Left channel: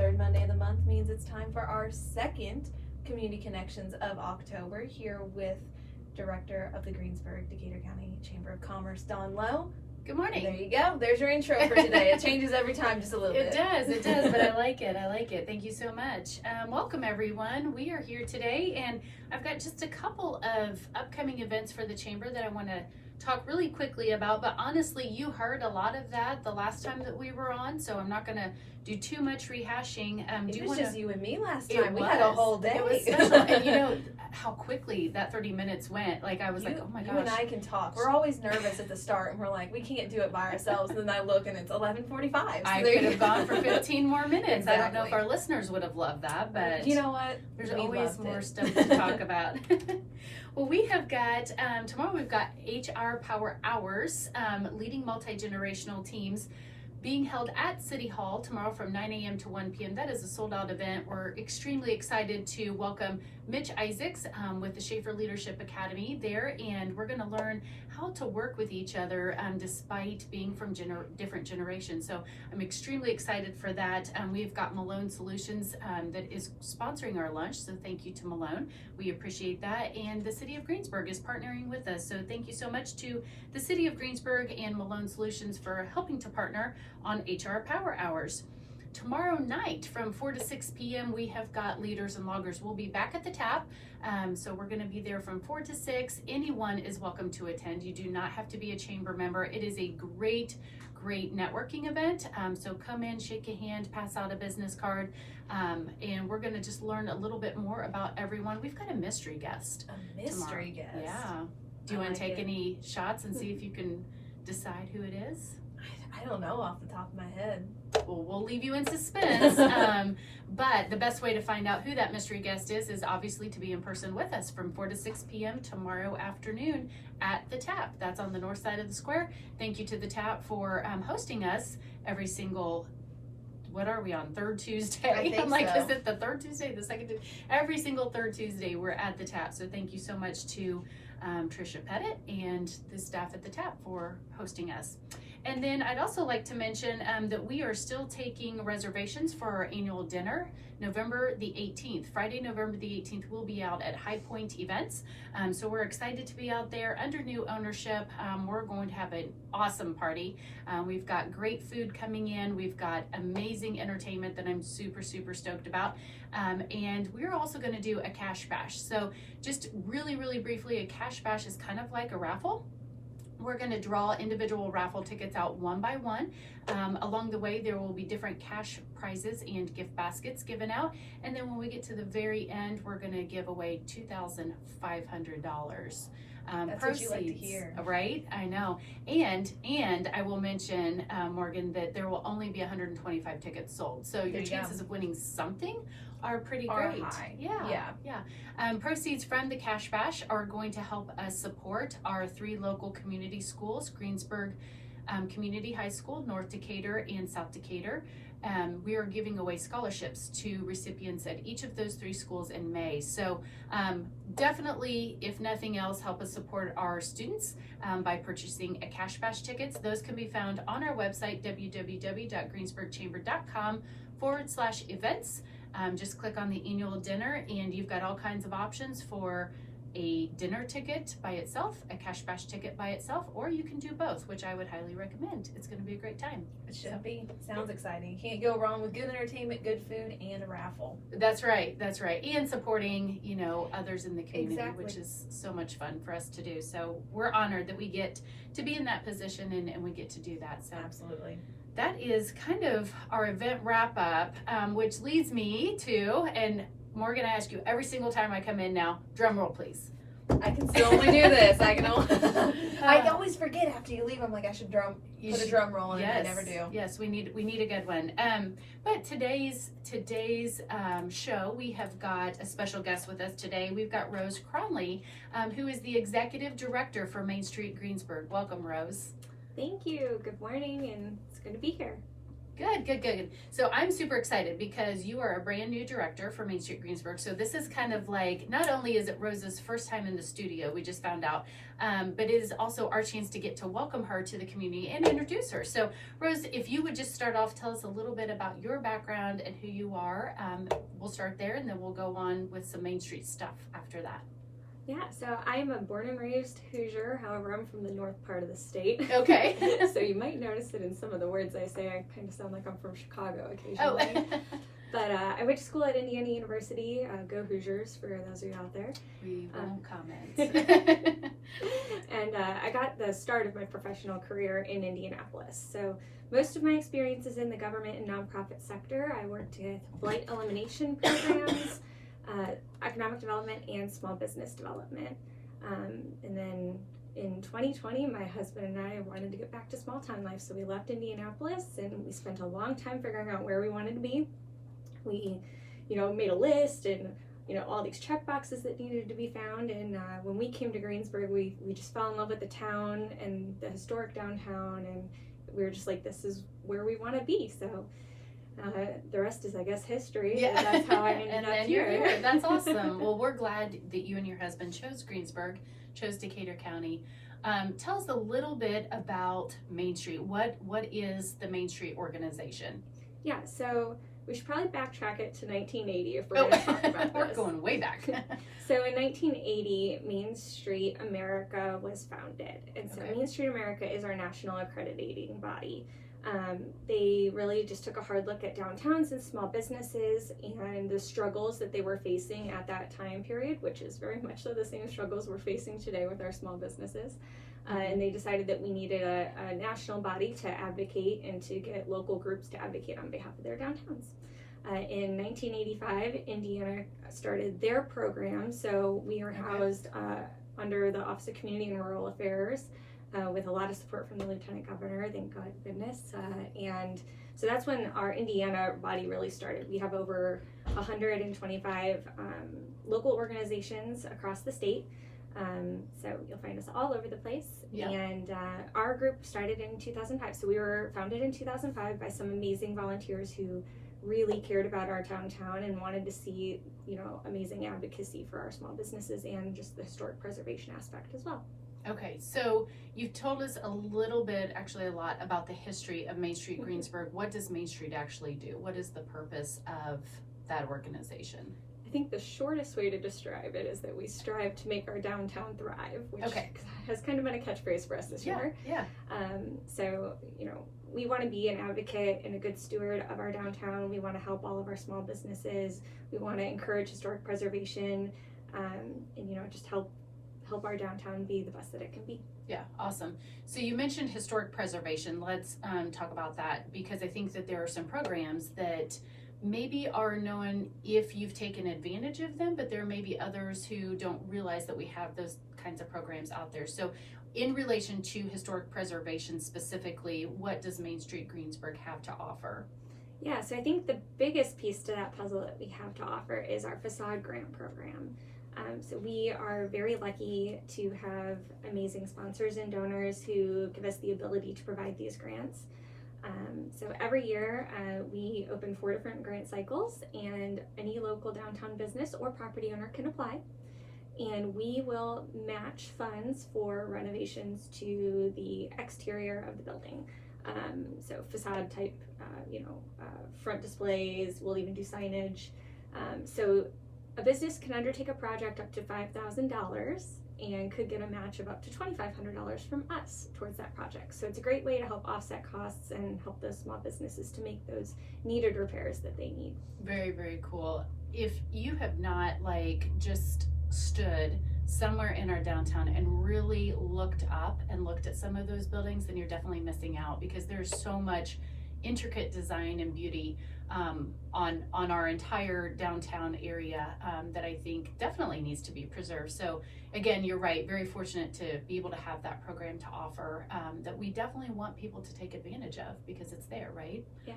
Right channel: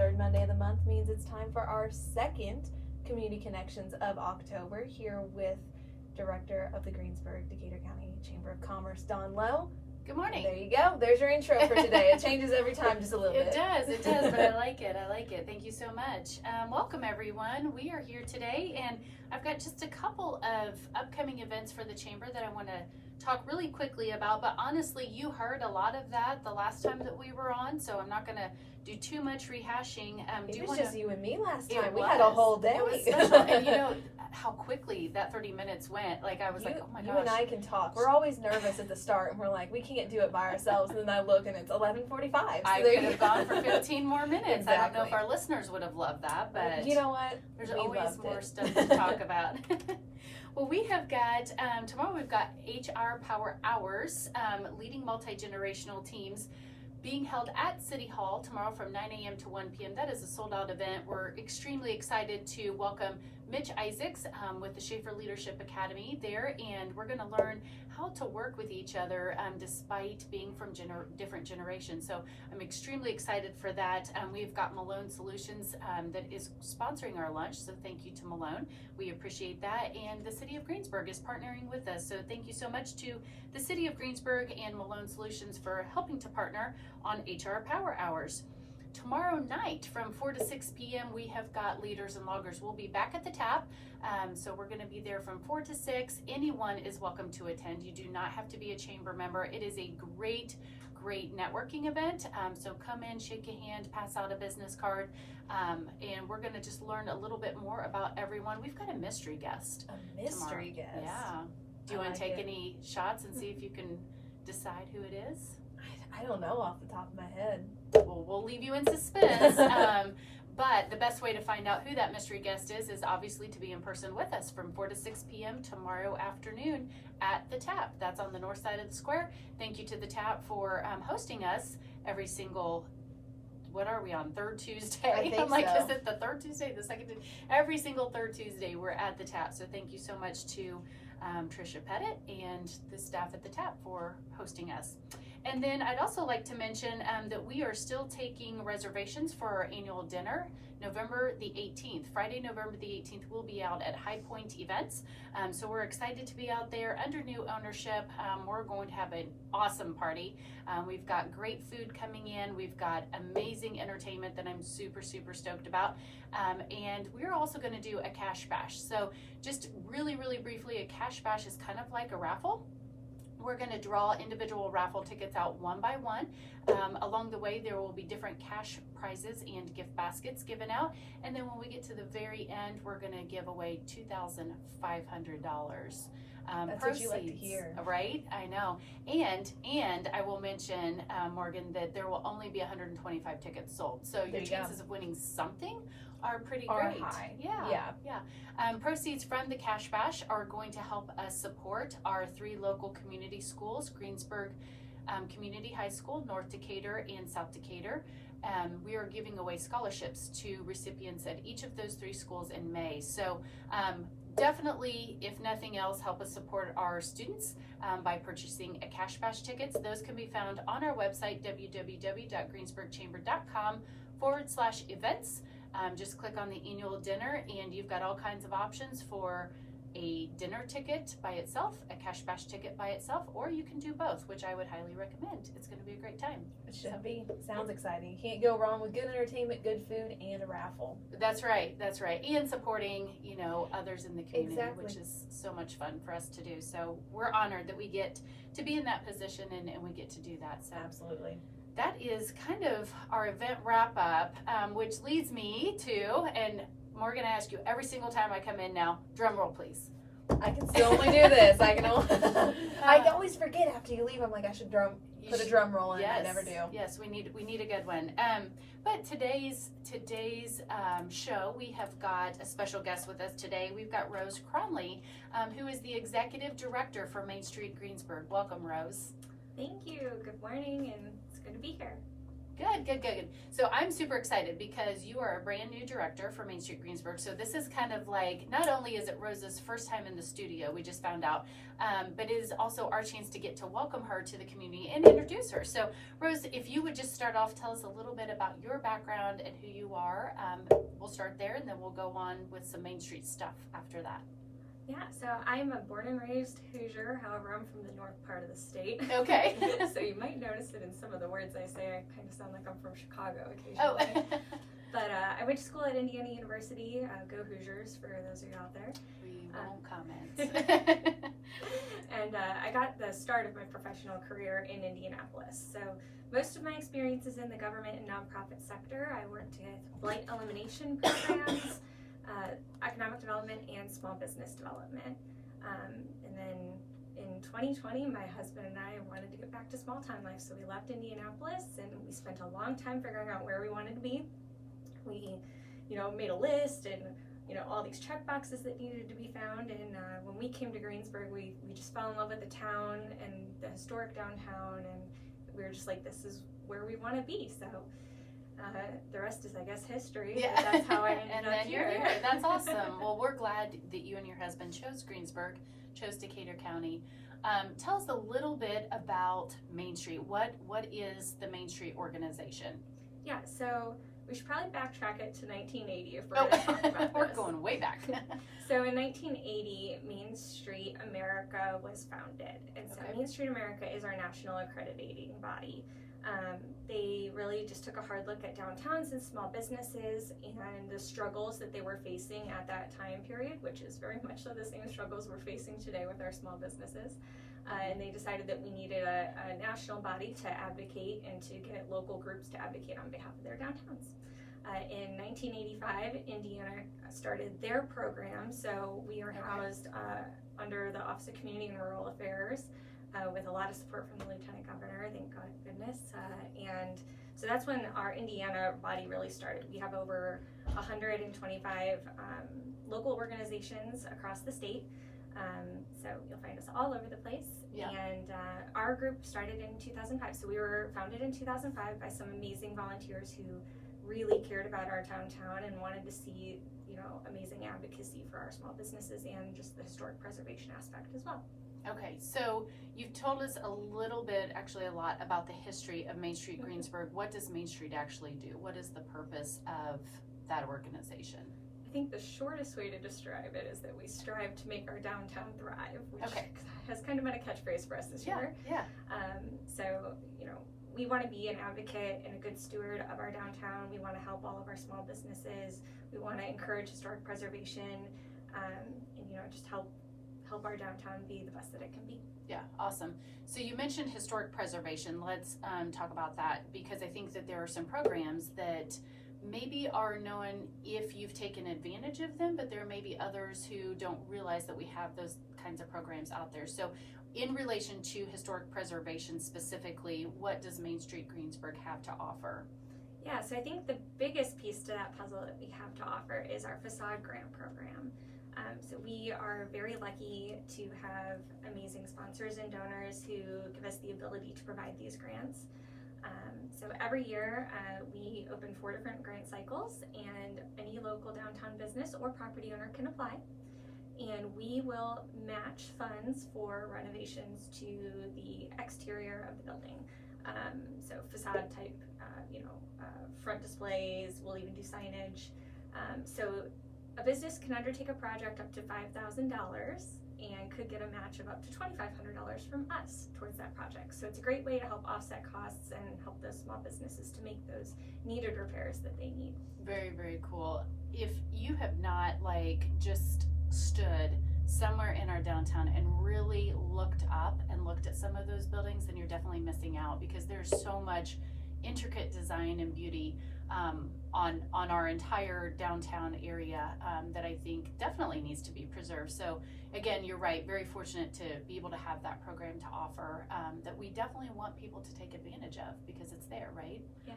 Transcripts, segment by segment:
third Monday of the month means it's time for our second Community Connections of October here with Director of the Greensburg, Decatur County Chamber of Commerce, Dawn Lowe. Good morning. There you go. There's your intro for today. It changes every time just a little bit. It does, but I like it. Thank you so much. Welcome everyone. We are here today and I've got just a couple of upcoming events for the Chamber that I want to talk really quickly about, but honestly, you heard a lot of that the last time that we were on, so I'm not going to do too much rehashing. It was just you and me last time. We had a whole day. It was special. And you know how quickly that 30 minutes went. Like I was like, oh my gosh. You and I can talk. We're always nervous at the start and we're like, we can't do it by ourselves. And then I look and it's 11:45. So I could have gone for 15 more minutes. Exactly. I don't know if our listeners would have loved that, but you know what? There's always more stuff to talk about. Well, we have got, tomorrow we've got HR Power Hours, leading multi-generational teams being held at City Hall tomorrow from 9 a.m. to 1 p.m. That is a sold-out event. We're extremely excited to welcome Mitch Isaacs with the Schaefer Leadership Academy there, and we're going to learn how to work with each other despite being from different generations. So I'm extremely excited for that. We've got Malone Solutions that is sponsoring our lunch, so thank you to Malone. We appreciate that, and the City of Greensburg is partnering with us, so thank you so much to the City of Greensburg and Malone Solutions for helping to partner on HR Power Hours. Tomorrow night from 4 to 6 p.m. we have got Leaders and Loggers. We'll be back at the tap, so we're going to be there from 4 to 6. Anyone is welcome to attend. You do not have to be a chamber member. It is a great networking event, so come in, shake a hand, pass out a business card, and we're going to just learn a little bit more about everyone. We've got a mystery guest. A mystery guest? Yeah. Do you want to take any shots and see if you can decide who it is? I don't know off the top of my head. Well, we'll leave you in suspense. But the best way to find out who that mystery guest is obviously to be in person with us from 4 to 6 p.m. tomorrow afternoon at the tap. That's on the north side of the square. Thank you to the tap for hosting us every single, what are we on, third Tuesday? I'm like, is it the third Tuesday, the second Tuesday? Every single third Tuesday we're at the tap. So thank you so much to Tricia Pettit and the staff at the tap for hosting us. And then I'd also like to mention that we are still taking reservations for our annual dinner, November the 18th. Friday, November the 18th, we'll be out at High Point Events. So we're excited to be out there under new ownership. We're going to have an awesome party. We've got great food coming in. We've got amazing entertainment that I'm super stoked about. And we're also going to do a cash bash. So just really briefly, a cash bash is kind of like a raffle. We're going to draw individual raffle tickets out one by one. Along the way, there will be different cash prizes and gift baskets given out. And then when we get to the very end, we're going to give away $2,500. That's proceeds, what you like to hear. Right? I know. And I will mention, Morgan, that there will only be 125 tickets sold. So your chances of winning something are pretty great. High. Yeah. Proceeds from the Cash Bash are going to help us support our 3 local community schools, Greensburg Community High School, North Decatur, and South Decatur. We are giving away scholarships to recipients at each of those 3 schools in May. So definitely, if nothing else, help us support our students by purchasing a Cash Bash tickets. Those can be found on our website, www.greensburgchamber.com/events. Just click on the annual dinner and you've got all kinds of options for a dinner ticket by itself, a Cash Bash ticket by itself, or you can do both, which I would highly recommend. It's going to be a great time. It should be. Sounds exciting. You can't go wrong with good entertainment, good food, and a raffle. That's right. And supporting, others in the community, which is so much fun for us to do. So we're honored that we get to be in that position and we get to do that. So absolutely. That is kind of our event wrap up, which leads me to, and Morgan, I ask you every single time I come in now, drum roll please. I can still only do this. I always forget after you leave. I'm like, I should put a drum roll in. Yes, I never do. Yes, we need a good one. But today's show, we have got a special guest with us today. We've got Rose Cronley, who is the executive director for Main Street Greensburg. Welcome, Rose. Thank you. Good morning, and it's good to be here. Good. So I'm super excited because you are a brand new director for Main Street Greensburg. So this is kind of like, not only is it Rose's first time in the studio, we just found out, but it is also our chance to get to welcome her to the community and introduce her. So Rose, if you would just start off, tell us a little bit about your background and who you are. We'll start there and then we'll go on with some Main Street stuff after that. Yeah, so I'm a born and raised Hoosier. However, I'm from the north part of the state. Okay. So you might notice that in some of the words I say, I kind of sound like I'm from Chicago occasionally. Oh. But I went to school at Indiana University. Go Hoosiers, for those of you out there. We won't comment. And I got the start of my professional career in Indianapolis. So most of my experience is in the government and nonprofit sector. I worked with blight elimination programs, economic development, and small business development. And then in 2020, my husband and I wanted to get back to small town life, so we left Indianapolis and we spent a long time figuring out where we wanted to be. We, made a list and, all these check boxes that needed to be found. And when we came to Greensburg, we just fell in love with the town and the historic downtown, and we were just like, this is where we want to be. So the rest is, I guess, history. Yeah. That's how I ended and up then here. You're here. That's awesome. Well, we're glad that you and your husband chose Greensburg, chose Decatur County. Tell us a little bit about Main Street. What is the Main Street organization? Yeah, so we should probably backtrack it to 1980 if we're going to talk about We're this. going way back. So in 1980, Main Street America was founded. And so Okay. Main Street America is our national accrediting body. They really just took a hard look at downtowns and small businesses and the struggles that they were facing at that time period, which is very much so the same struggles we're facing today with our small businesses. And they decided that we needed a national body to advocate and to get local groups to advocate on behalf of their downtowns. In 1985, Indiana started their program, so we are housed under the Office of Community and Rural Affairs with a lot of support from the Lieutenant Governor, thank goodness. And so that's when our Indiana body really started. We have over 125 local organizations across the state. So you'll find us all over the place. Yeah. And our group started in 2005. So we were founded in 2005 by some amazing volunteers who really cared about our downtown and wanted to see, amazing advocacy for our small businesses and just the historic preservation aspect as well. Okay, so you've told us a little bit, actually a lot, about the history of Main Street Greensburg. What does Main Street actually do? What is the purpose of that organization? I think the shortest way to describe it is that we strive to make our downtown thrive, which has kind of been a catchphrase for us this year. Yeah. So, we want to be an advocate and a good steward of our downtown. We want to help all of our small businesses. We want to encourage historic preservation, and just help our downtown be the best that it can be. Yeah, awesome. So you mentioned historic preservation. Let's talk about that, because I think that there are some programs that maybe are known if you've taken advantage of them, but there may be others who don't realize that we have those kinds of programs out there. So in relation to historic preservation specifically, what does Main Street Greensburg have to offer? Yeah, so I think the biggest piece to that puzzle that we have to offer is our facade grant program. So we are very lucky to have amazing sponsors and donors who give us the ability to provide these grants. So every year we open 4 different grant cycles, and any local downtown business or property owner can apply. And we will match funds for renovations to the exterior of the building. So facade type, front displays, we'll even do signage. So a business can undertake a project up to $5,000 and could get a match of up to $2,500 from us towards that project. So it's a great way to help offset costs and help those small businesses to make those needed repairs that they need. Very, very cool. If you have not just stood somewhere in our downtown and really looked up and looked at some of those buildings, then you're definitely missing out, because there's so much intricate design and beauty on our entire downtown area that I think definitely needs to be preserved. So again, you're right, very fortunate to be able to have that program to offer that we definitely want people to take advantage of, because it's there, right? Yeah.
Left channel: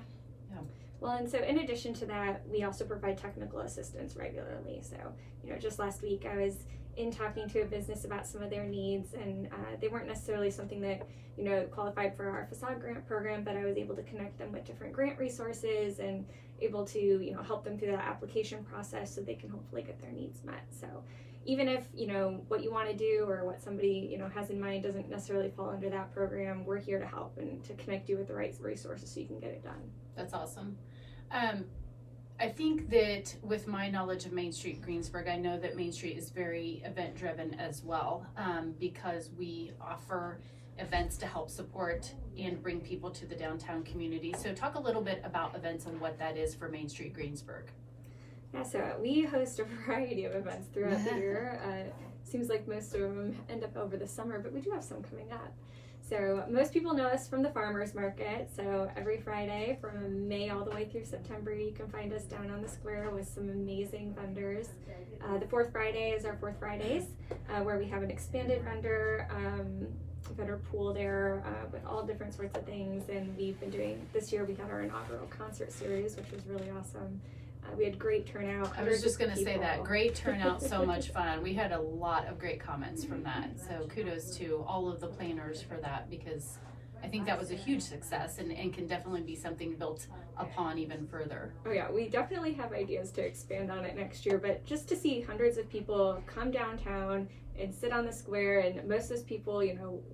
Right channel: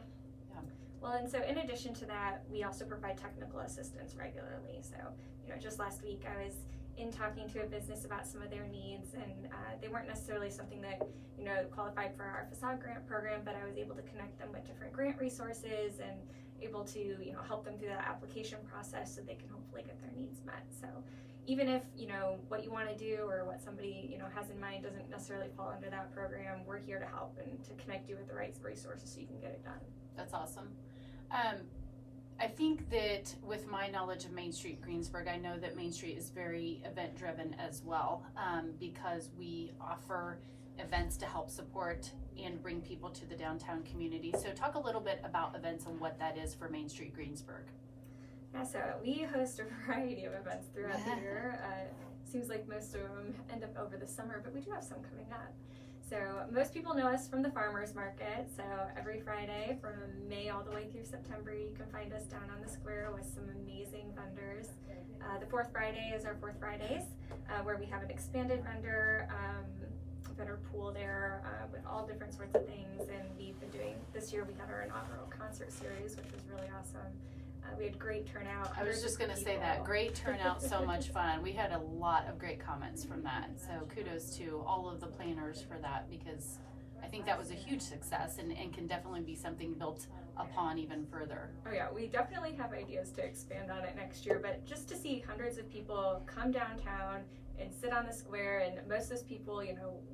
Well, and so in addition to that, we also provide technical assistance regularly. So, just last week I was in talking to a business about some of their needs, and they weren't necessarily something that qualified for our facade grant program, but I was able to connect them with different grant resources and able to help them through that application process so they can hopefully get their needs met. So even if what you want to do or what somebody has in mind doesn't necessarily fall under that program, we're here to help and to connect you with the right resources so you can get it done. That's awesome. I think that with my knowledge of Main Street Greensburg, I know that Main Street is very event driven as well, because we offer events to help support and bring people to the downtown community. So talk a little bit about events and what that is for Main Street Greensburg. Yeah, so we host a variety of events throughout the year. Seems like most of them end up over the summer, but we do have some coming up. So most people know us from the farmers market. So every Friday from May all the way through September, you can find us down on the square with some amazing vendors. The fourth Friday is our Fourth Fridays, where we have an expanded vendor pool there with all different sorts of things. And we've been doing, this year we had our inaugural concert series, which was really awesome. We had great turnout. I was just going to say that. Great turnout, so much fun. We had a lot of great comments from that. So kudos to all of the planners for that, because I think that was a huge success and can definitely be something built upon even further. Oh yeah, we definitely have ideas to expand on it next year, but just to see hundreds of people come downtown and sit on the square, and most of those people,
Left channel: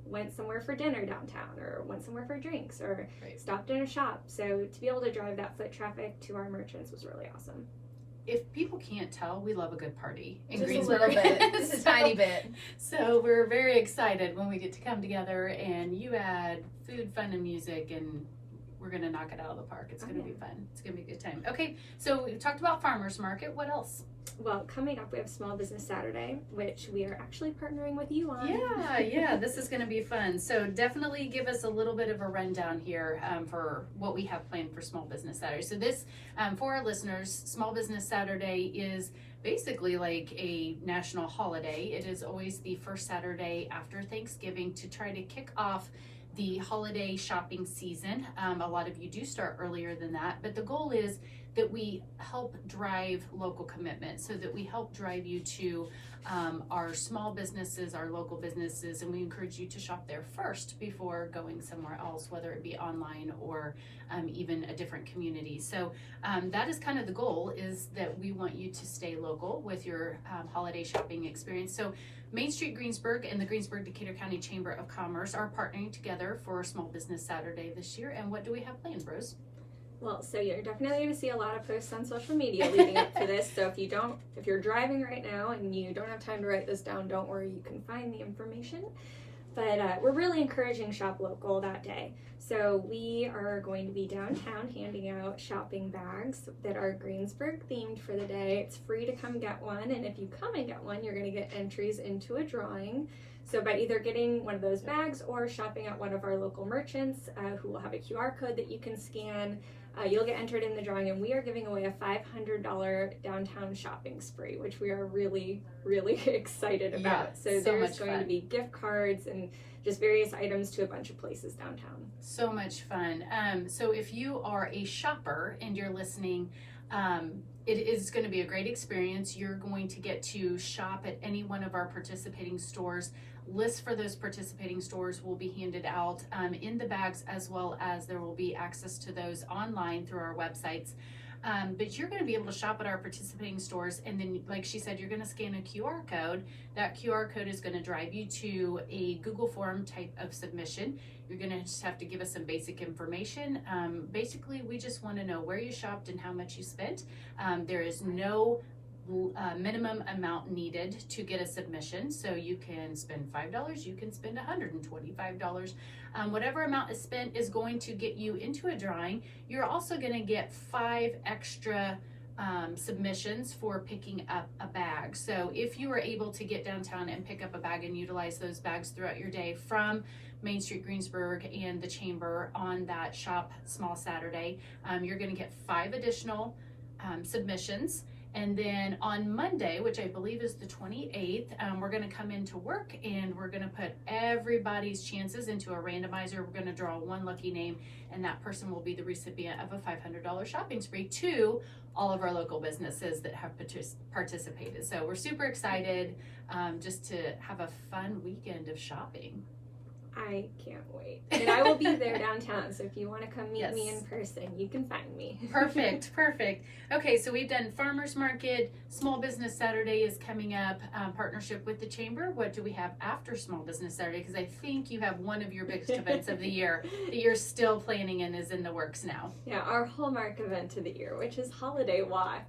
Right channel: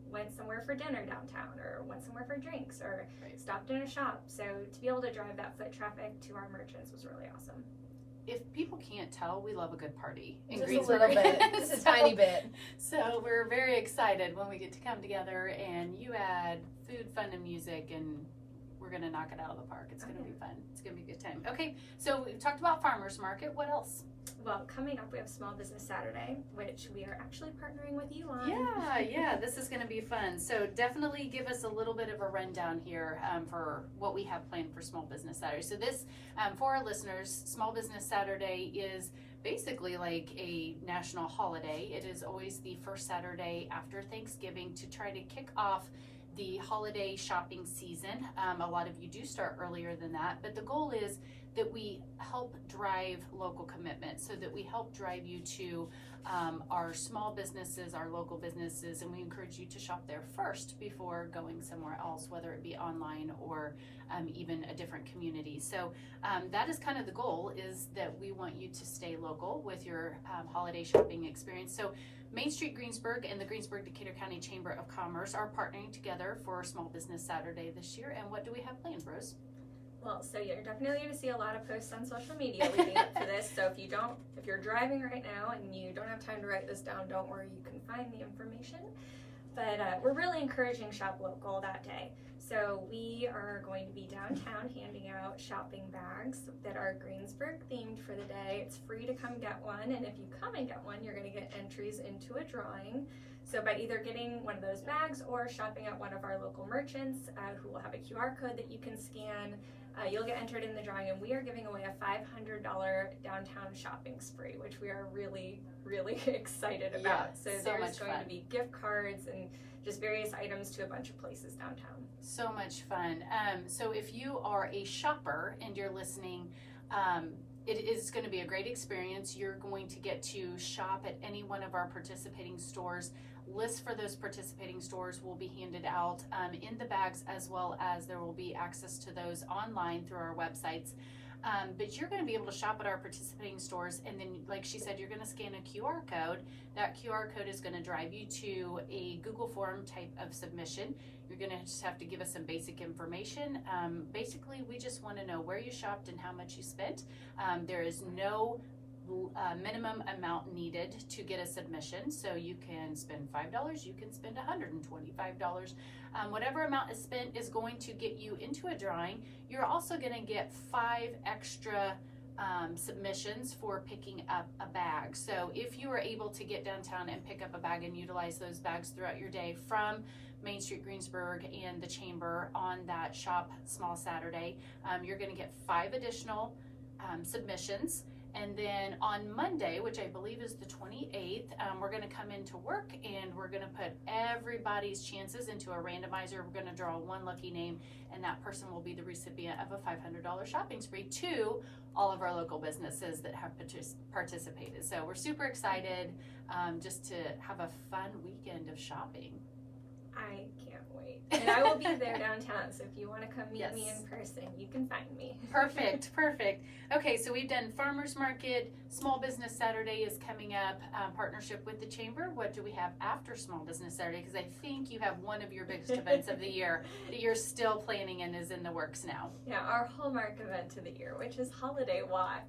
went somewhere for dinner downtown or went somewhere for drinks or stopped in a shop. So to be able to drive that foot traffic to our merchants was really awesome. If people can't tell, we love a good party in Just Greensburg. a little bit, just a tiny bit. So we're very excited when we get to come together and you add food, fun, and music, and we're going to knock it out of the park. It's going to be fun. It's going to be a good time. Okay, so we've talked about farmers market. What else? Well, coming up, we have Small Business Saturday, which we are actually partnering with you on. Yeah, this is going to be fun. So definitely give us a little bit of a rundown here for what we have planned for Small Business Saturday. So this, for our listeners, Small Business Saturday is basically like a national holiday. It is always the first Saturday after Thanksgiving to try to kick off the holiday shopping season. A lot of you do start earlier than that, but the goal is that we help drive local commitment, so that we help drive you to our small businesses, our local businesses, and we encourage you to shop there first before going somewhere else, whether it be online or even a different community. So that is kind of the goal, is that we want you to stay local with your holiday shopping experience. So Main Street Greensburg and the Greensburg Decatur County Chamber of Commerce are partnering together for Small Business Saturday this year. And what do we have planned, Rose? Well, so you're definitely going to see a lot of posts on social media leading up to this. So if you're driving right now and you don't have time to write this down, don't worry, you can find the information. But we're really encouraging shop local that day. So we are going to be downtown handing out shopping bags that are Greensburg themed for the day. It's free to come get one, and if you come and get one, you're going to get entries into a drawing. So by either getting one of those bags or shopping at one of our local merchants who will have a QR code that you can scan, you'll get entered in the drawing, and we are giving away a $500 downtown shopping spree, which we are really, really excited about. Yeah, so there's going to be gift cards and just various items to a bunch of places downtown. So much fun. So if you are a shopper and you're listening, it is going to be a great experience. You're going to get to shop at any one of our participating stores. Lists for those participating stores will be handed out in the bags, as well as there will be access to those online through our websites. But you're going to be able to shop at our participating stores, and then, like she said, you're going to scan a QR code. That QR code is going to drive you to a Google form type of submission. You're going to just have to give us some basic information. Basically, we just want to know where you shopped and how much you spent. There is no minimum amount needed to get a submission, so you can spend $5, you can spend $125. Whatever amount is spent is going to get you into a drawing. You're also going to get 5 extra submissions for picking up a bag. So if you were able to get downtown and pick up a bag and utilize those bags throughout your day from Main Street Greensburg and the Chamber on that Shop Small Saturday, you're going to get 5 additional submissions. And then on Monday, which I believe is the 28th, we're going to come into work and we're going to put everybody's chances into a randomizer. We're going to draw one lucky name, and that person will be the recipient of a $500 shopping spree to all of our local businesses that have participated. So we're super excited just to have a fun weekend of shopping. I can't wait. And I will be there downtown, so if you want to come meet me in person, you can find me. Perfect. Okay, so we've done Farmers Market, Small Business Saturday is coming up, partnership with the Chamber. What do we have after Small Business Saturday? Because I think you have one of your biggest events of the year that you're still planning and is in the works now. Yeah, our hallmark event of the year, which is Holiday Walk.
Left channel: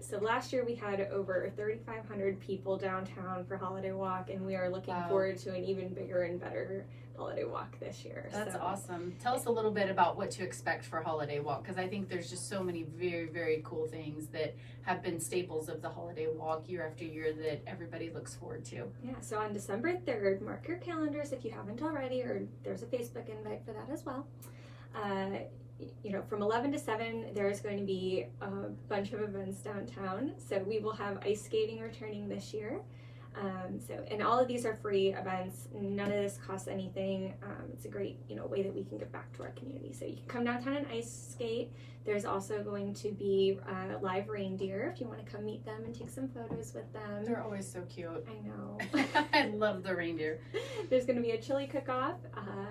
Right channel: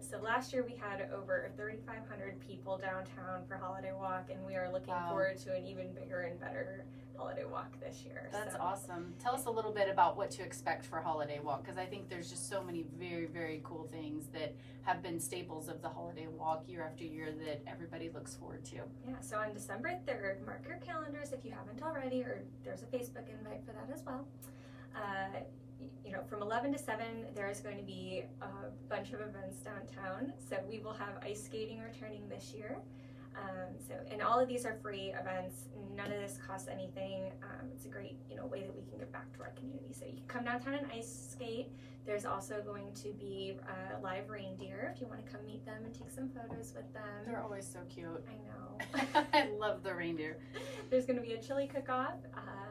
So last year we had over 3,500 people downtown for Holiday Walk, and we are looking forward to an even bigger and better Holiday Walk this year. That's awesome. Tell us a little bit about what to expect for Holiday Walk, because I think there's just so many very, very cool things that have been staples of the Holiday Walk year after year that everybody looks forward to. Yeah, so on December 3rd, mark your calendars if you haven't already, or there's a Facebook invite for that as well. From 11 to 7, there is going to be a bunch of events downtown. So we will have ice skating returning this year. And all of these are free events. None of this costs anything. It's a great, way that we can give back to our community. So you can come downtown and ice skate. There's also going to be live reindeer if you want to come meet them and take some photos with them. They're always so cute. I know. I love the reindeer. There's going to be a chili cook-off,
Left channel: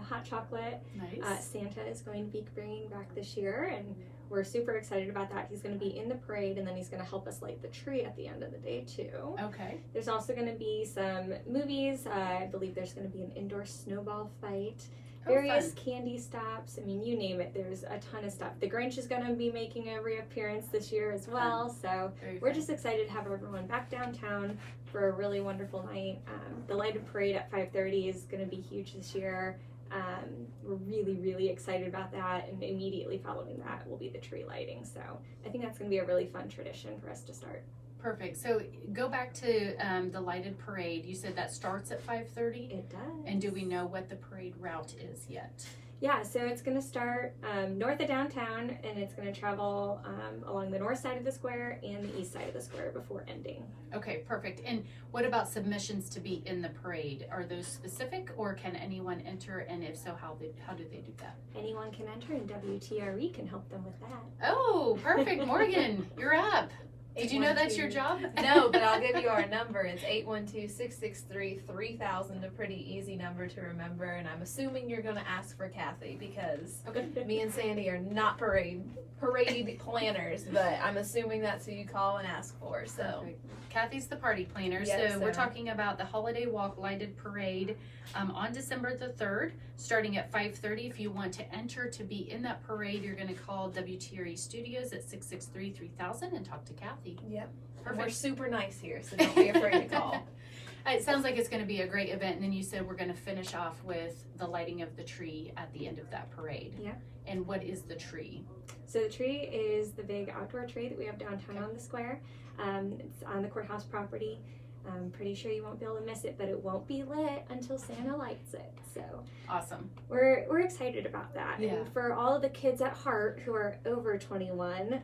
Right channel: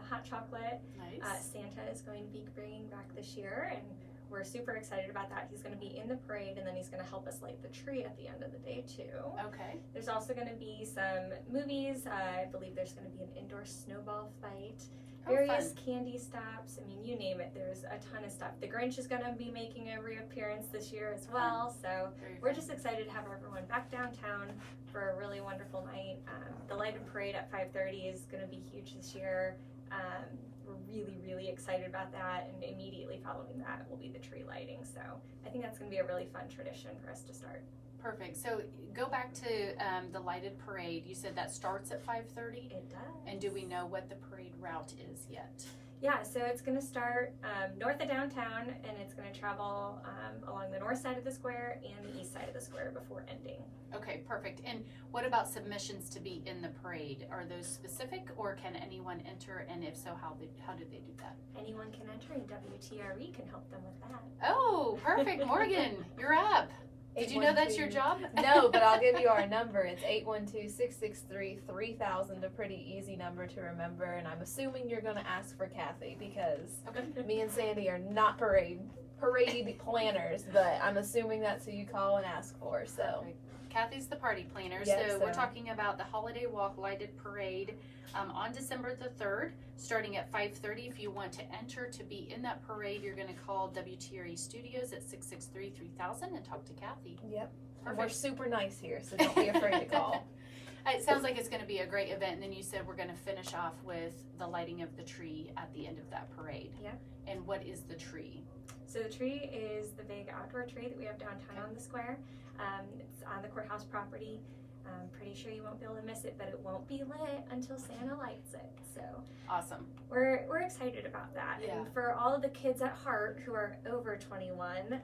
hot chocolate. Nice. Santa is going to be bringing back this year, and we're super excited about that. He's going to be in the parade, and then he's going to help us light the tree at the end of the day too. Okay. There's also going to be some movies. I believe there's going to be an indoor snowball fight. Various candy stops. I mean, you name it. There's a ton of stuff. The Grinch is going to be making a reappearance this year as well. So we're just excited to have everyone back downtown for a really wonderful night. The lighted parade at 5:30 is going to be huge this year. We're really, really excited about that. And immediately following that will be the tree lighting. So I think that's going to be a really fun tradition for us to start. Perfect. So go back to the lighted parade. You said that starts at 5:30? It does. And do we know what the parade route is yet? Yeah, so it's going to start north of downtown, and it's going to travel along the north side of the square and the east side of the square before ending. Okay, perfect. And what about submissions to be in the parade? Are those specific, or can anyone enter? And if so, how do they do that? Anyone can enter, and WTRE can help them with that. Oh, perfect. Morgan, you're up. Did you know that's your job? No, but I'll give you our number. It's 812-663-3000, a pretty easy number to remember. And I'm assuming you're going to ask for Kathy because me and Sandy are not parade planners, but I'm assuming that's who you call and ask for. So perfect. Kathy's the party planner. Yes, so we're talking about the Holiday Walk lighted parade on December the 3rd, starting at 5:30. If you want to enter to be in that parade, you're going to call WTRE Studios at 663-3000 and talk to Kathy. Yep. Perfect. We're super nice here, so don't be afraid to call. It sounds like it's going to be a great event. And then you said we're going to finish off with the lighting of the tree at the end of that parade. Yeah. And what is the tree? So the tree is the big outdoor tree that we have downtown on the square. It's on the courthouse property. I'm pretty sure you won't be able to miss it, but it won't be lit until Santa lights it. So awesome. We're excited about that. Yeah. And for all of the kids at heart who are over 21,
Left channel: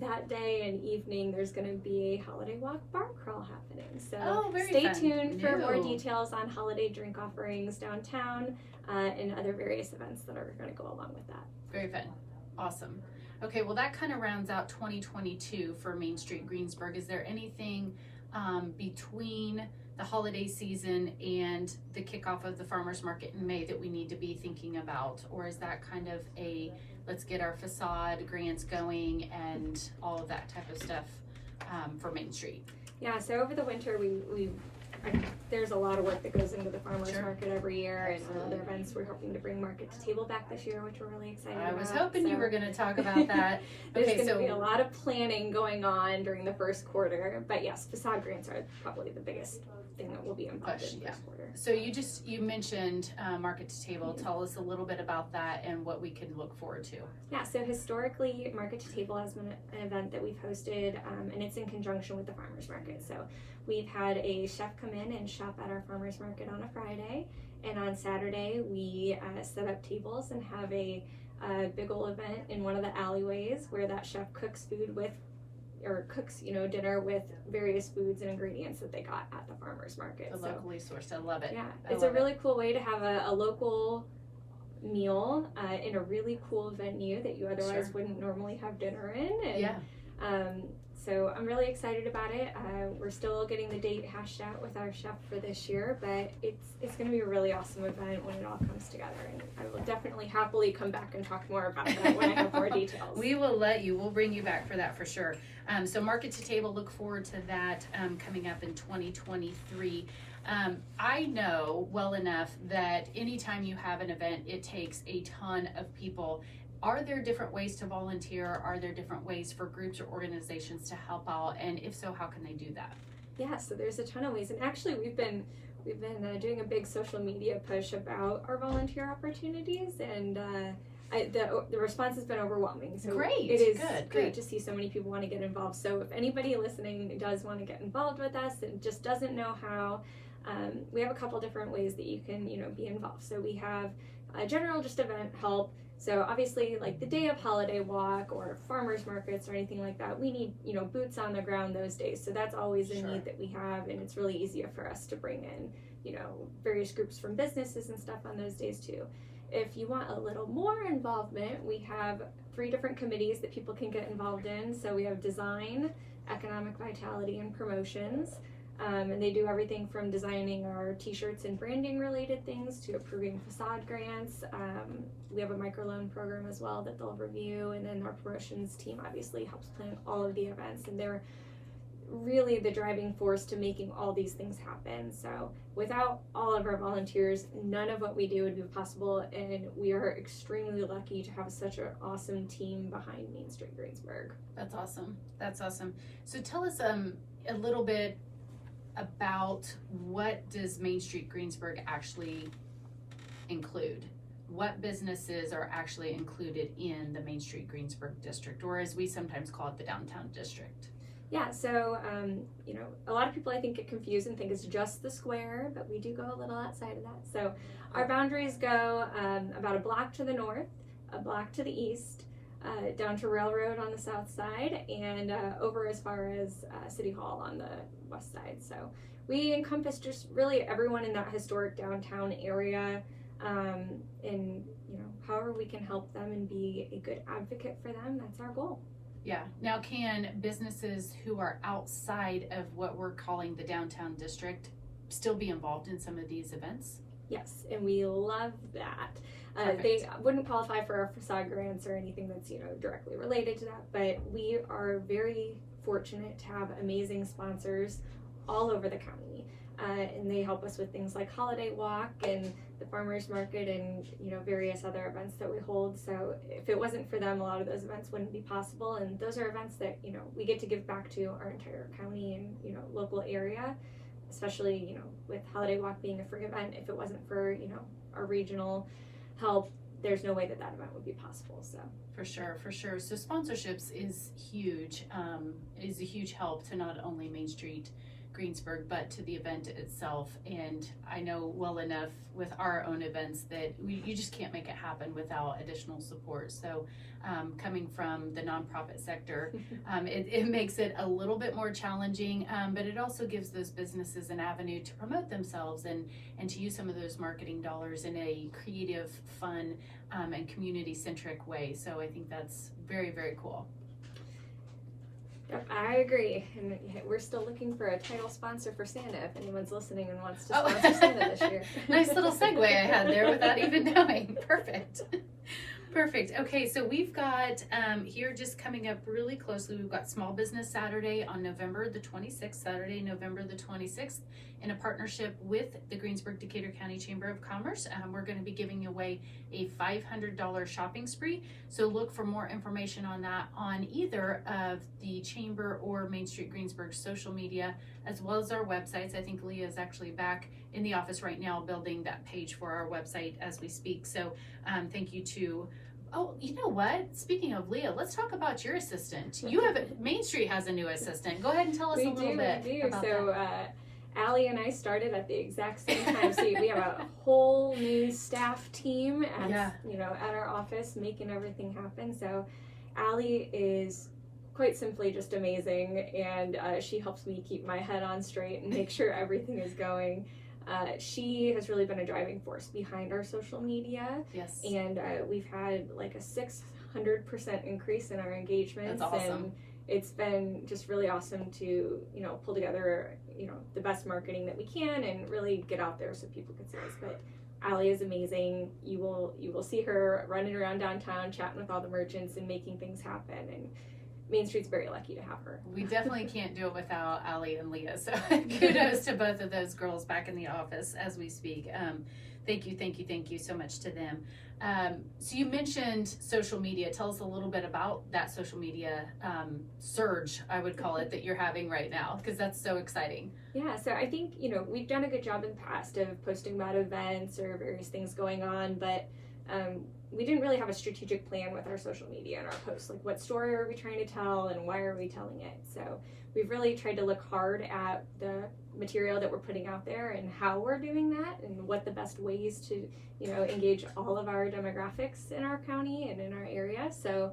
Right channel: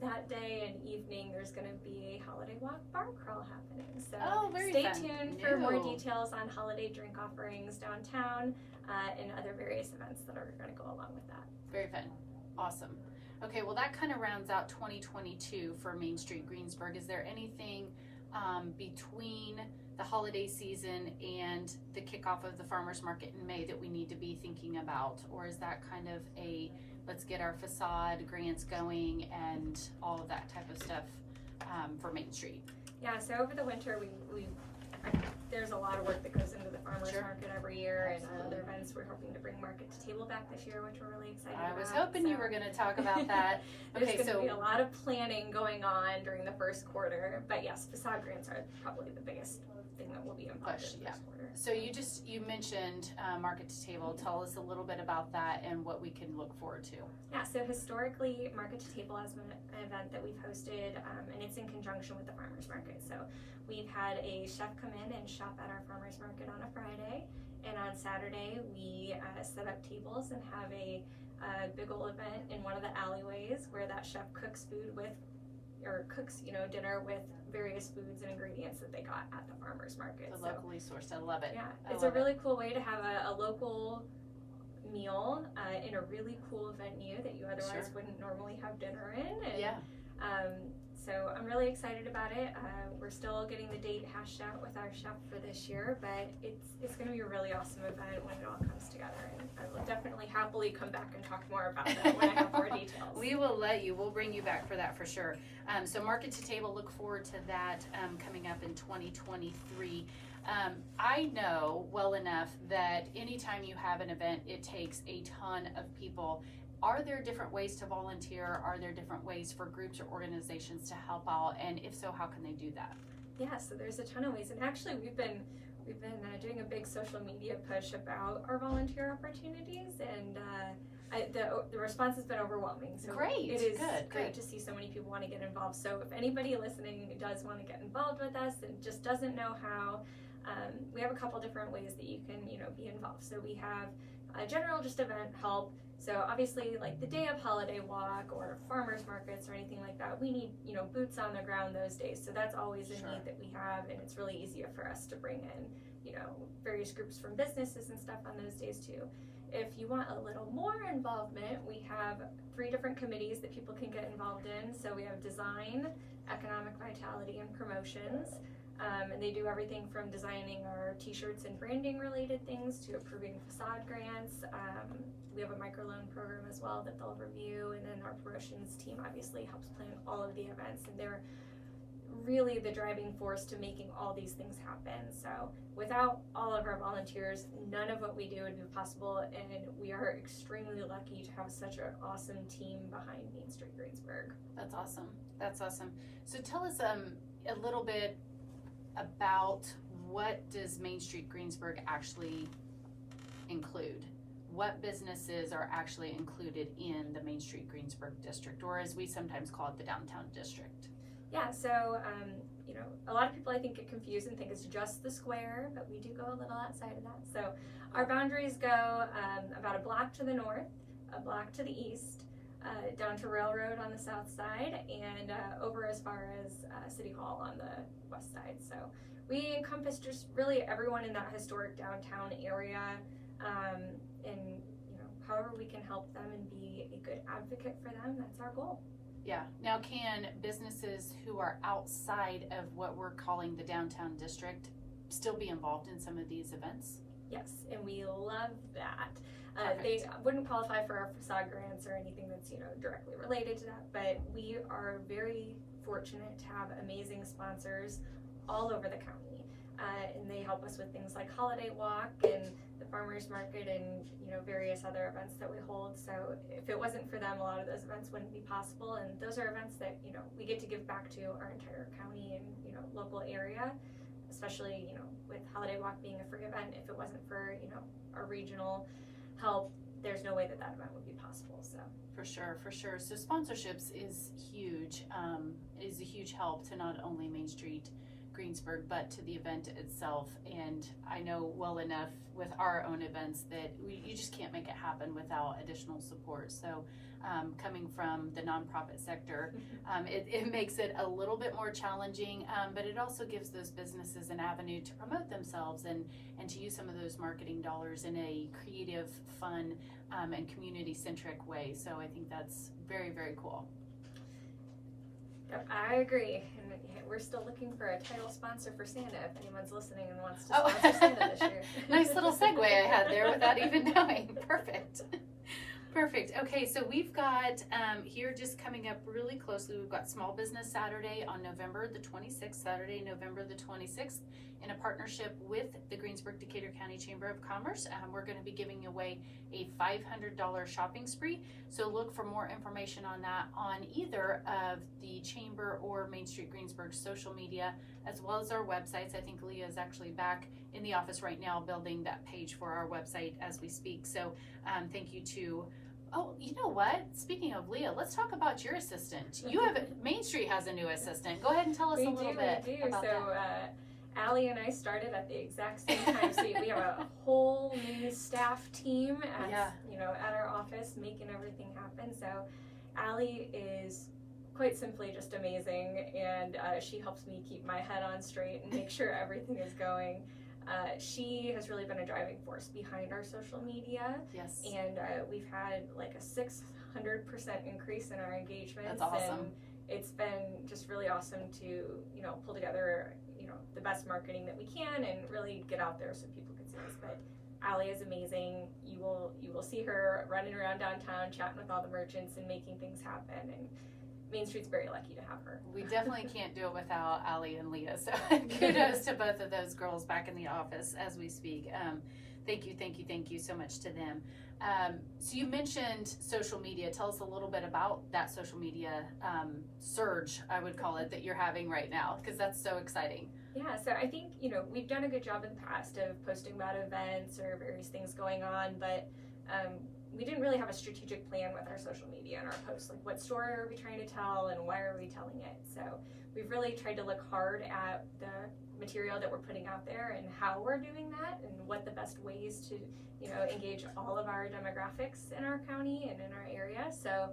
that day and evening there's going to be a Holiday Walk bar crawl happening. So stay tuned for more details on holiday drink offerings downtown and other various events that are going to go along with that. Very fun. Awesome. Okay, well that kind of rounds out 2022 for Main Street Greensburg. Is there anything between the holiday season and the kickoff of the farmers market in May that we need to be thinking about, or is that kind of a let's get our facade grants going and all of that type of stuff for Main Street? Yeah, so over the winter there's a lot of work that goes into the farmers market every year. Absolutely. And other events. We're hoping to bring market to table back this year, which we're really excited about. I was hoping you were going to talk about that. There's going to be a lot of planning going on during the first quarter, but yes, facade grants are probably the biggest thing that will be involved in the first quarter. So you mentioned market to table. Tell us a little bit about that and what we can look forward to. Yeah, so historically, market to table has been an event that we've hosted, and it's in conjunction with the farmers market. So we've had a chef come in and shop at our farmers market on a Friday, and on Saturday we set up tables and have a big ol' event in one of the alleyways where that chef cooks dinner with various foods and ingredients that they got at the farmers market. Locally sourced. I love it. Yeah, it's a really cool way to have a local meal in a really cool venue that you otherwise wouldn't normally have dinner in. And, So I'm really excited about it. We're still getting the date hashed out with our chef for this year, but it's going to be a really awesome event when it all comes together. And I will definitely happily come back and talk more about that when I have more details. We will we'll bring you back for that for sure. So market to table, look forward to that coming up in 2023. I know well enough that anytime you have an event, it takes a ton of people. Are there different ways to volunteer? Are there different ways for groups or organizations to help out? And if so, how can they do that? Yeah, so there's a ton of ways. And actually, we've been doing a big social media push about our volunteer opportunities, and the response has been overwhelming. So Great. It is Good. great to see so many people want to get involved. So if anybody listening does want to get involved with us and just doesn't know how, we have a couple different ways that you can, be involved. So we have general just event help. So obviously, like the day of holiday walk or farmers markets or anything like that, we need, boots on the ground those days. So that's always a need that we have, and it's really easy for us to bring in, various groups from businesses and stuff on those days too. If you want a little more involvement, we have 3 different committees that people can get involved in. So we have design, economic vitality, and promotions. And they do everything from designing our t-shirts and branding related things to approving facade grants. We have a microloan program as well that they'll review, and then our promotions team obviously helps plan all of the events, and they're really the driving force to making all these things happen. So without all of our volunteers, none of what we do would be possible, and we are extremely lucky to have such an awesome team behind Main Street Greensburg. That's awesome. That's awesome. So tell us a little bit about what does Main Street Greensburg actually include? What businesses are actually included in the Main Street Greensburg district, or as we sometimes call it, the downtown district? Yeah, so, a lot of people I think get confused and think it's just the square, but we do go a little outside of that. So our boundaries go about a block to the north, a block to the east, down to Railroad on the south side, and over as far as City Hall on the west side. So we encompass just really everyone in that historic downtown area, and however we can help them and be a good advocate for them, that's our goal. Yeah. Now, can businesses who are outside of what we're calling the downtown district still be involved in some of these events? Yes, and we love that. They wouldn't qualify for our facade grants or anything that's directly related to that, but we are very fortunate to have amazing sponsors all over the county, and they help us with things like Holiday Walk and the farmers market and various other events that we hold. So if it wasn't for them, a lot of those events wouldn't be possible, and those are events that we get to give back to our entire county and local area, especially with Holiday Walk being a free event. If it wasn't for our regional help, there's no way that event would be possible. So for sure. So sponsorships is huge, is a huge help to not only Main Street Greensburg, but to the event itself. And I know well enough with our own events that you just can't make it happen without additional support. So coming from the nonprofit sector, it makes it a little bit more challenging, but it also gives those businesses an avenue to promote themselves and to use some of those marketing dollars in a creative, fun, and community-centric way. So I think that's very, very cool. Yep, I agree, and we're still looking for a title sponsor for Santa if anyone's listening and wants to sponsor Santa this year. Nice little segue I had there without even knowing. Perfect. Okay, so we've got here just coming up really closely, we've got Small Business Saturday on November the 26th, in a partnership with the Greensburg Decatur County Chamber of Commerce. We're going to be giving away a $500 shopping spree. So look for more information on that on either of the Chamber or Main Street Greensburg social media, as well as our websites. I think Leah is actually back in the office right now building that page for our website as we speak. So thank you to you know what? Speaking of Leah, let's talk about your assistant. Main Street has a new assistant. Go ahead and tell us a little bit about that. Allie and I started at the exact same time, so we have a whole new staff team at our office making everything happen. So Allie is quite simply just amazing, and she helps me keep my head on straight and make sure everything is going. She has really been a driving force behind our social media. Yes. And we've had like a 600% increase in our engagements. That's awesome. it's been just really awesome to, pull together, the best marketing that we can and really get out there so people can see us. But Allie is amazing. You will see her running around downtown, chatting with all the merchants and making things happen. And Main Street's very lucky to have her. We definitely can't do it without Allie and Leah. So kudos to both of those girls back in the office as we speak. Thank you so much to them. So you mentioned social media. Tell us a little bit about that social media surge, I would call it, that you're having right now, because that's so exciting. Yeah, so I think, we've done a good job in the past of posting about events or various things going on, but we didn't really have a strategic plan with our social media and our posts. Like, what story are we trying to tell and why are we telling it? So we've really tried to look hard at the material that we're putting out there and how we're doing that and what the best ways to, engage all of our demographics in our county and in our area. So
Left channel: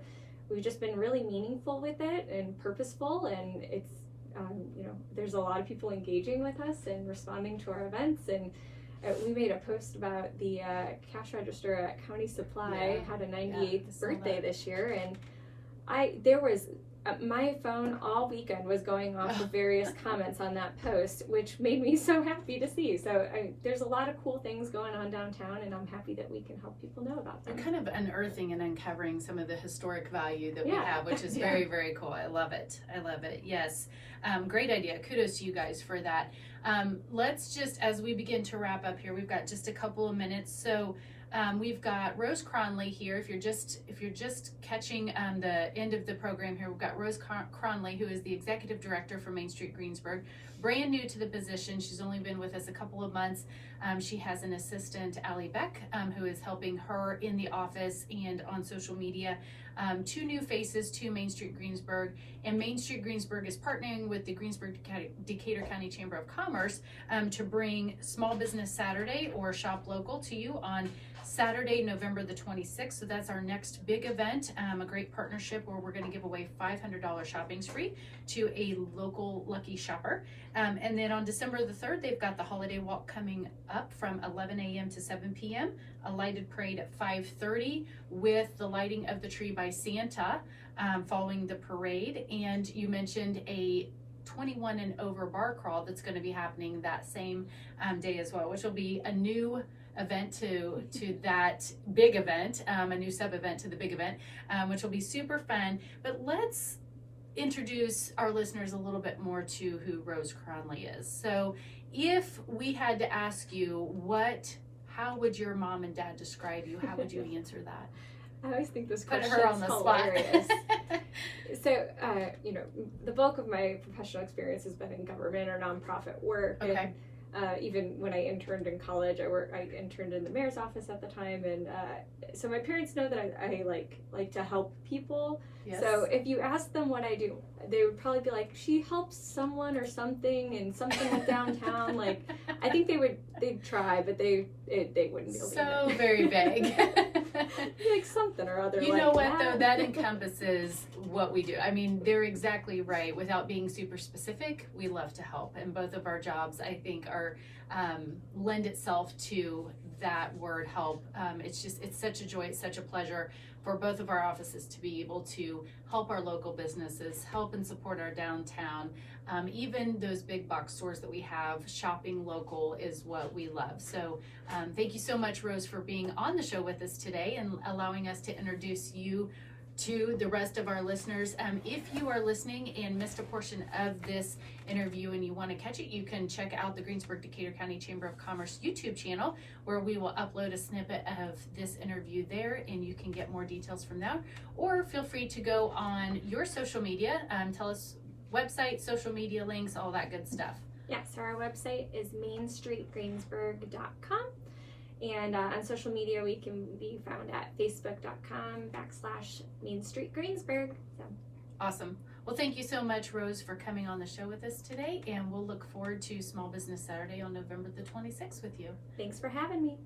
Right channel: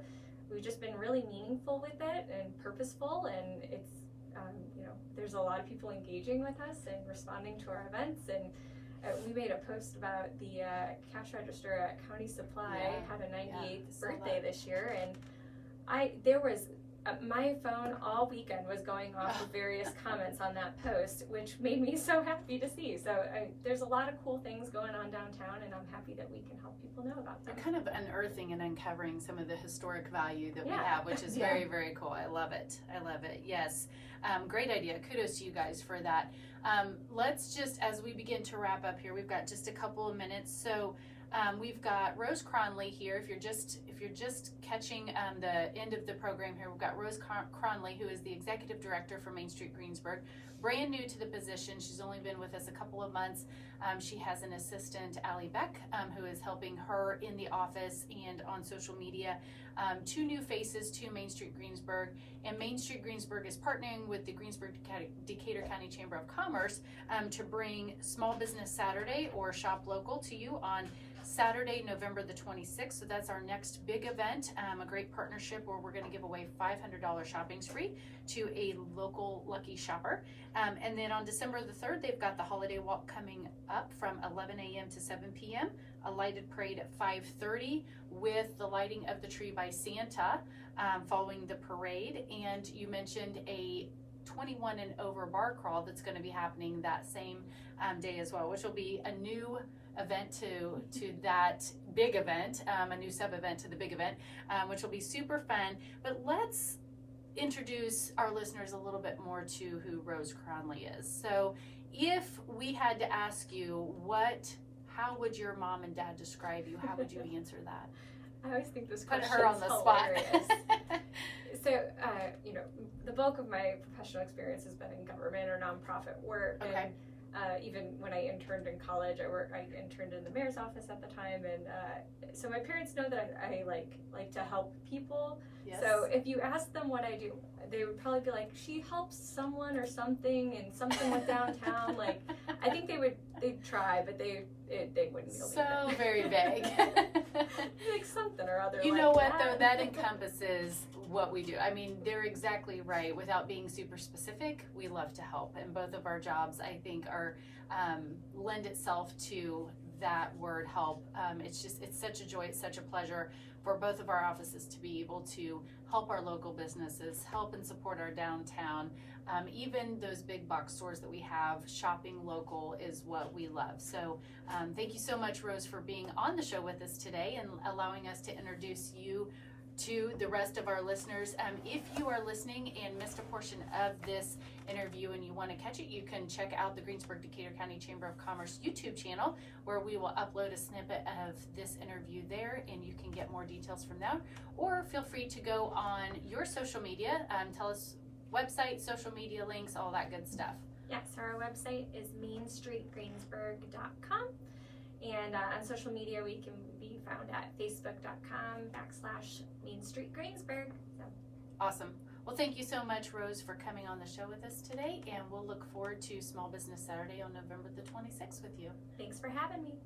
we've just been really meaningful with it and purposeful, and it's, there's a lot of people engaging with us and responding to our events. And we made a post about the cash register at County Supply had a 98th birthday this year, and there was my phone all weekend was going off with various comments on that post, which made me so happy to see. So there's a lot of cool things going on downtown, and I'm happy that we can help people know about them. They're kind of unearthing and uncovering some of the historic value that we have, which is very, very cool. I love it. Yes. Great idea. Kudos to you guys for that. Let's just, as we begin to wrap up here, we've got just a couple of minutes. So we've got Rose Cronley here. If you're just catching the end of the program here, we've got Rose Cronley, who is the executive director for Main Street Greensburg, brand new to the position. She's only been with us a couple of months. She has an assistant, Allie Beck, who is helping her in the office and on social media. 2 new faces to Main Street Greensburg, and Main Street Greensburg is partnering with the Decatur County Chamber of Commerce to bring Small Business Saturday or Shop Local to you on Saturday, November the 26th. So that's our next big event, a great partnership where we're going to give away $500 shopping spree to a local lucky shopper. And then on December the 3rd, they've got the holiday walk coming up from 11 a.m. to 7 p.m., a lighted parade at 5:30 with the lighting of the tree by Santa following the parade. And you mentioned a 21 and over bar crawl that's going to be happening that same day as well, which will be a new event to that big event, a new sub event to the big event, which will be super fun. But let's introduce our listeners a little bit more to who Rose Cronley is. So if we had to ask you, how would your mom and dad describe you? How would you answer that? I always think this Put question her on is the hilarious. spot. So, the bulk of my professional experience has been in government or nonprofit work. Okay. And even when I interned in college, I interned in the mayor's office at the time. And so my parents know that I like to help people. Yes. So if you ask them what I do, they would probably be like, she helps someone or something, and something with downtown. Like, I think they'd try, but they wouldn't be able to do So it. very vague. Like something or other. You like know what that. though, that encompasses what we do. I mean, they're exactly right. Without being super specific, we love to help, and both of our jobs, I think, are lend itself to that word help. It's such a joy, it's such a pleasure for both of our offices to be able to help our local businesses, help and support our downtown. Even those big box stores that we have, shopping local is what we love. So thank you so much, Rose, for being on the show with us today and allowing us to introduce you to the rest of our listeners. If you are listening and missed a portion of this interview and you want to catch it, you can check out the Greensburg Decatur County Chamber of Commerce YouTube channel, where we will upload a snippet of this interview there, and you can get more details from there. Or feel free to go on your social media, tell us website, social media links, all that good stuff. Yeah, so our website is mainstreetgreensburg.com. And on social media, we can be found at facebook.com/Main Street Greensburg. So. Awesome. Well, thank you so much, Rose, for coming on the show with us today. And we'll look forward to Small Business Saturday on November the 26th with you. Thanks for having me.